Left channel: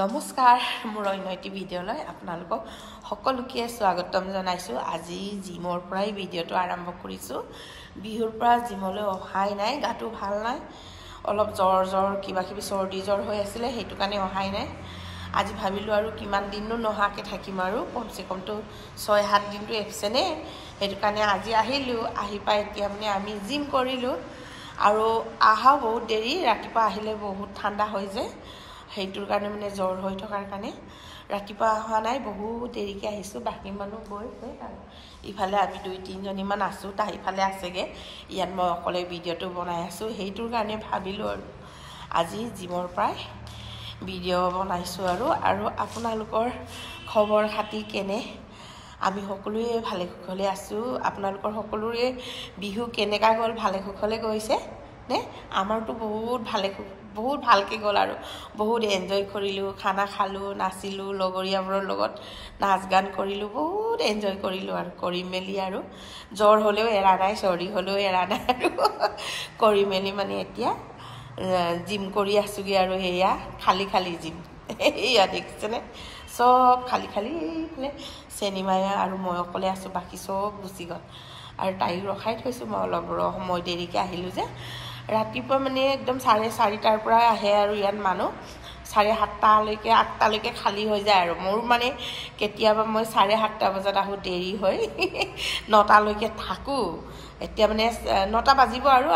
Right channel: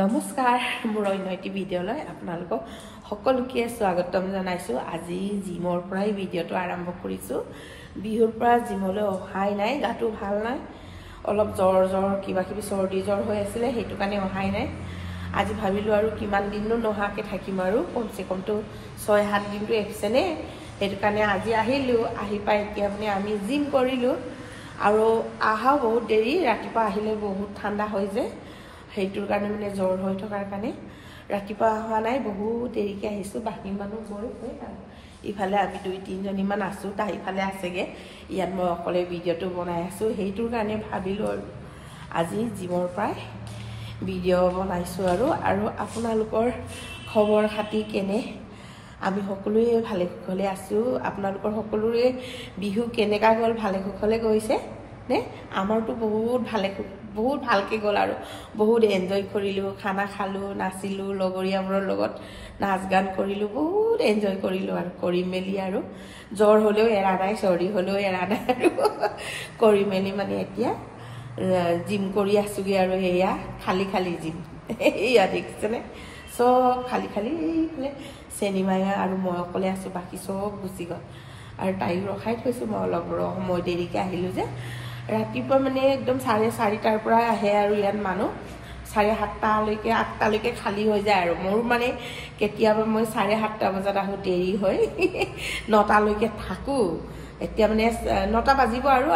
নমস্কাৰ মোৰ অন্যটি ভিডিঅ'লৈ আপোনালোকক সকলোকে স্বাগতম জনাইছো। আজি জিমৰ পৰাই ভিডিঅ'টো আৰম্ভ কৰিছো। বিহুৰ পৰা জিমলৈ অহাই নাই, গাটো ভাল নাই, অলপ জ্বৰ কিবা কিবি চৰ্দি জ্বৰ হৈ আছিল, সেইটো কাৰণে অহাই নাই। আজি ভাবিলো আৰু কিমান দিননো নহাকে থাকিম আৰু কমসে কমটো 6-7 দিনটো এবসেনে, সেইটো কাৰণে আজি আহিলো। আহি পাই এতিয়া মানে আমি জিম কৰিলো আৰু আহা বহুত দেৰি, ৰাতিপুৱা আহিলে বহুত ঠাণ্ডা হৈ যায়, সেইটোৰ কাৰণে মানে জ্বৰ হৈ থকাৰ কাৰণে ৰাতিপুৱা অহা নাই, বহুত দেৰিকে আহিছো। বাকী মানুহ গৈ আৰু ইফালে আমি 2-3 জনীমান আছো, তাই ইফালে আছেগে, ইয়াত মই অকলে ভিডিঅ'টো বনাই আছো। সেইটোৰ কাৰণে ভাবিলো আৰু আজি জিমৰ পৰাই ভিডিঅ' বনাইছো আৰু আপোনালোকৰ খবৰ খাতি কেনে? আমি সকলোৱে ভালে কুশলে আছো। আপোনালোকৰ সকলোৰে বিহু কেনেকা গ'ল? ভালে কুশলে গৈছে নে? আমাৰতো বহুত ভালকে গ'ল আৰু বহুত এনজয় কৰিলো, খানা খালো, নাচিলো, লগৰীয়াবোৰৰ লগত নাচ গান কৰিলো, বহুত এনজয় কৰিলো আৰু কৰি মেলি আৰু জ্বৰ হলেও এৰা নাই, চৰ্দি হলেও এৰা নাই আৰু কৰি মেলি মানে এতিয়া জিম কৰি আছোগে আৰু এয়া খালি জিম এয়া দেখিছেনে, চব খালি এইফালে চেনিমায়া আৰু মই অকলে আছো, বাকী চব গুচি গ'ল আৰু তাই ৰখাই থৈছো। মই অলপ সময় দেৰিকে আহিলো যে, ৰাতিপুৱা মানে একদম 4:30টাৰ পৰা আহে আৰু ইয়াত মানুহ 7:30লৈকে 8টালৈকে খালী হৈ যায় আৰু মোৰ মানে কেতিয়াবা মই 7:30টা বজাত আহো, দেৰি হয় 9টালৈকে থাকো। এতিয়া মানে 9টা বাজিব আৰু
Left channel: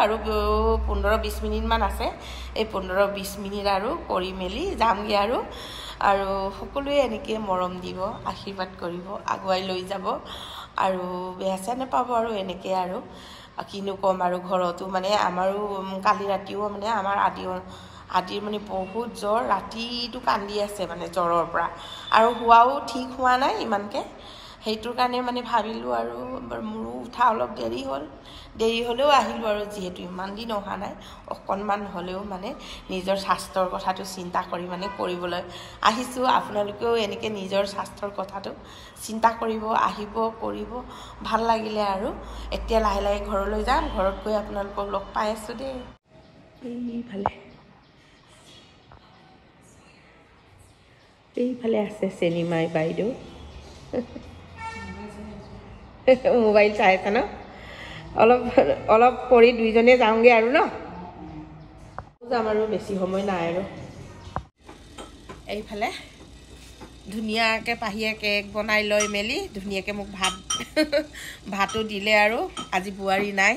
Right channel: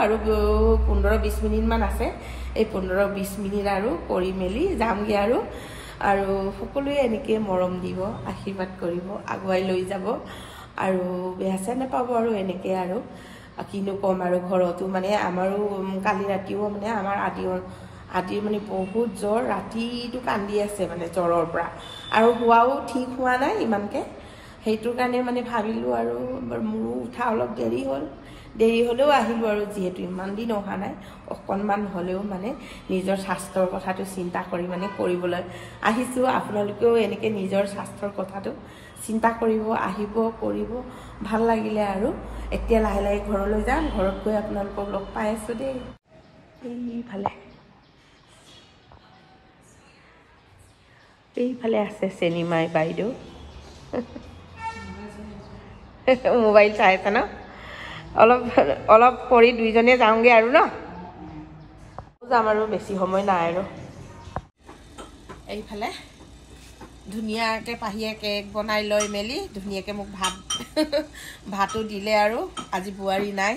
15-20 মিনিট মান আছে, এই 15-20 মিনিট আৰু কৰি মেলি যামগে আৰু সকলোৱে এনেকে মৰম দিব, আশীৰ্বাদ কৰিব, আগুৱাই লৈ যাব আৰু বেয়া চেয়া নাপাব আৰু এনেকে আৰু কিনো কম আৰু ঘৰতো মানে আমাৰো কালি ৰাতিও মানে আমাৰ আদিৰ মানে বহুত জ্বৰ, ৰাতিটো কান্দি আছে মানে জ্বৰৰ পৰা আৰু হোৱাও ঠিক হোৱা নাই ইমানকে, সেইটোৰ কাৰণে মানে ভাবিলো আৰু মোৰো উঠা অলপ দেৰি হলেও আহিলো আৰু যিহেতু ইমান দিন অহা নাই, অকণমান হলেও মানে নিজৰ স্বাস্থ্যৰ কথাটো চিন্তা কৰি মানে কৰিবলৈ আহিছো। আপোনালোকেও এনেকে নিজৰ স্বাস্থ্যৰ কথাটো চিন্তা কৰিব, আহিব, কৰিব, ভাল লাগিলে আৰু এতিয়া লাহে লাহে ঘৰলৈ যাম। ঘৰত গৈ আপোনালোকক লগ পাই আছো দেই। এইফালে আছে চেনিমাই বাইদেউ মোবাইল চাই আছে ন, অলপ কৰি দুইজনে যাওঁগে আৰু ন, যাম আৰু বেছি সময় নাই আৰু। এইফালে ধুনীয়াকে পাহিয়ে কেক বনাই লৈ মেলি ধুনীয়াকে মোক ভাতো দিলে আৰু আজি বোৱাৰী নাই,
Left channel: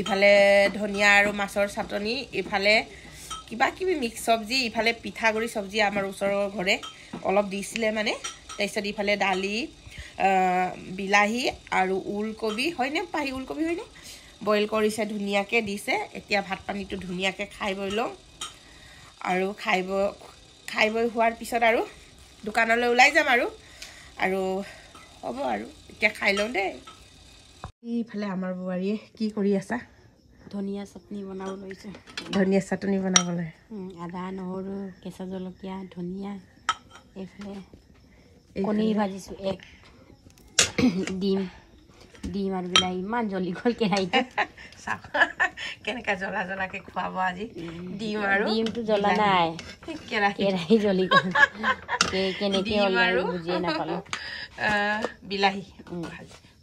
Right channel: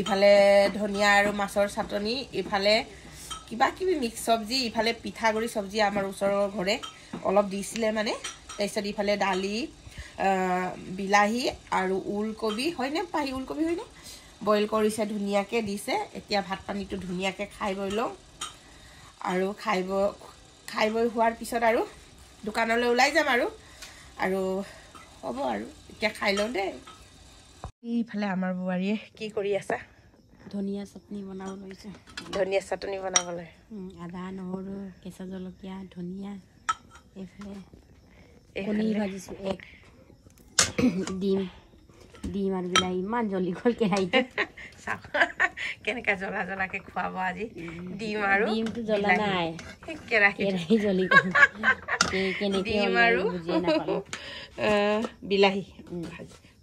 ইফালে ধনিয়া আৰু মাছৰ চাটনি, ইফালে কিবা কিবি মিক্স চব্জি, ইফালে পিঠাগুড়ি চব্জি আমাৰ ওচৰৰ ঘৰে অলপ দিছিলে মানে, তাৰপিছত ইফালে দালি, বিলাহী আৰু ওলকবি হয়নে, পাহি ওলকবি হয়নে, বইল কৰিছে, ধুনীয়াকে দিছে। এতিয়া ভাত পানীটো ধুনীয়াকে খাই বৈ লওঁ আৰু খাই বৈ হোৱাৰ পিছত আৰু দোকানলৈ ওলাই যাম আৰু হ'ব আৰু এতিয়া খাই লওঁ দেই। এইফালে আমাৰ বোৱাৰীয়ে কি কৰি আছা? ধনিয়া চাটনি বনাব লৈছে। ধনিয়া চাটনি বনাবলৈ আদা, নহৰু, কেঁচা জলকীয়া, ধনিয়া, এইফালে কণী ভাজিছো, এক ডিম আৰু বিলাহী। ইমান জ্বলি গ'ল কেৰাহীটো, কেনেকা জ্বলাকে খুৱাব আজি। ডিমটো জ্বলা নাই, কেৰাহী জ্বলি গ'ল, কেনেকে বুজিয়ে নাপালো। বিলাহী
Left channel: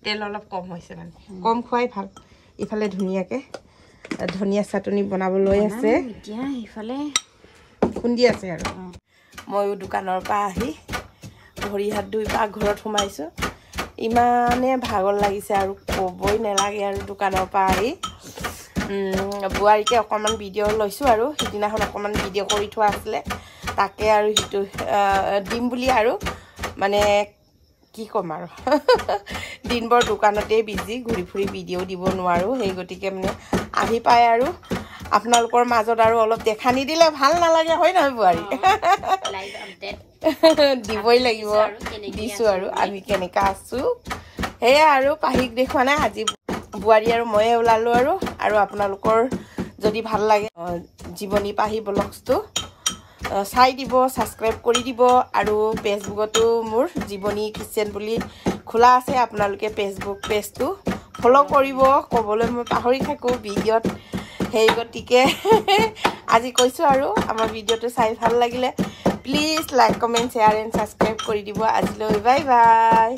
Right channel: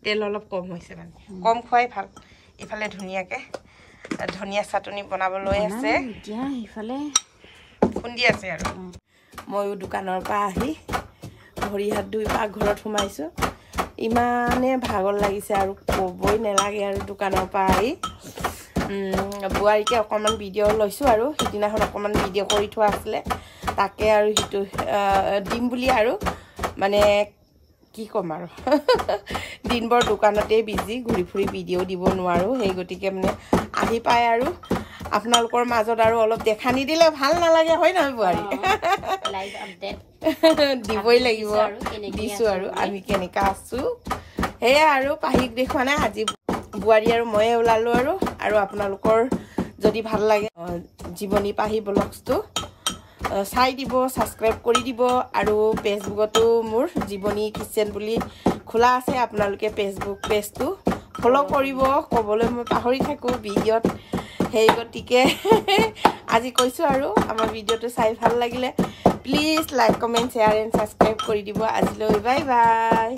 তেল অলপ কম হৈছে, মানে কম খোৱাই ভাল। ইফালে ধুনীয়াকে ধনিয়া চাটনি বনাবলৈ আছে, এতিয়া ইফালে খুন্দি আছে আৰু ময়ো দোকানৰ পৰা আহি ভৰি হাত ধুই পাকঘৰত সোমাইছো। ইমানে ভাগৰ লাগিছে আৰু ক'বই নালাগে আৰু দোকানৰ পৰা আহি বোৱাৰীকে অকণমান ভিডিঅ' লৈছো আৰু সিদিনাখন অকণমান ভিডিঅ' কৰি থোৱা আছিলে, তাকে আৰু সিটো দিম বুলি আৰু মানে কি ক'ম আৰু দিনবৰ দোকানতেই বিজি, ঘূৰি ফুৰি ভিডিঅ' দিব নোৱাৰো, সেই গতিকে মানে আহি পাই আৰু আপোনালোকৰ মাজত আৰু অলপ দেখা নিদিলে ভাল নালাগে, হয় নহয় বোৱাৰী? দিবই লাগিব, দিছো আৰু আমি কেনেকা আছো সেয়া আৰু পাহিক দেখুৱা নাই, আজি বোৱাৰী আৰু ময়ে ওলালো আৰু আপোনালোকৰ যদি ভাল লাগে জীৱনী পাহি ব্লগছটো চাই দিব, ছাবস্ক্ৰাইব কৰি দিব আৰু ফেচবুকতো মোৰ জীৱনী কিচেন বুলি খোলা আছে, আপোনালোকে ফেচবুক পেজটো ফ'ল' কৰিব, ক'বলৈ মই পাহৰি থাকো ভিডিঅ'ত, সেই গতিকে আজি কৈছো আৰু আমাৰ ভিডিঅ'টো চাই ভাল লাগিলে please like comment share and subscribe কৰি দিব আজিলৈ বাই বাই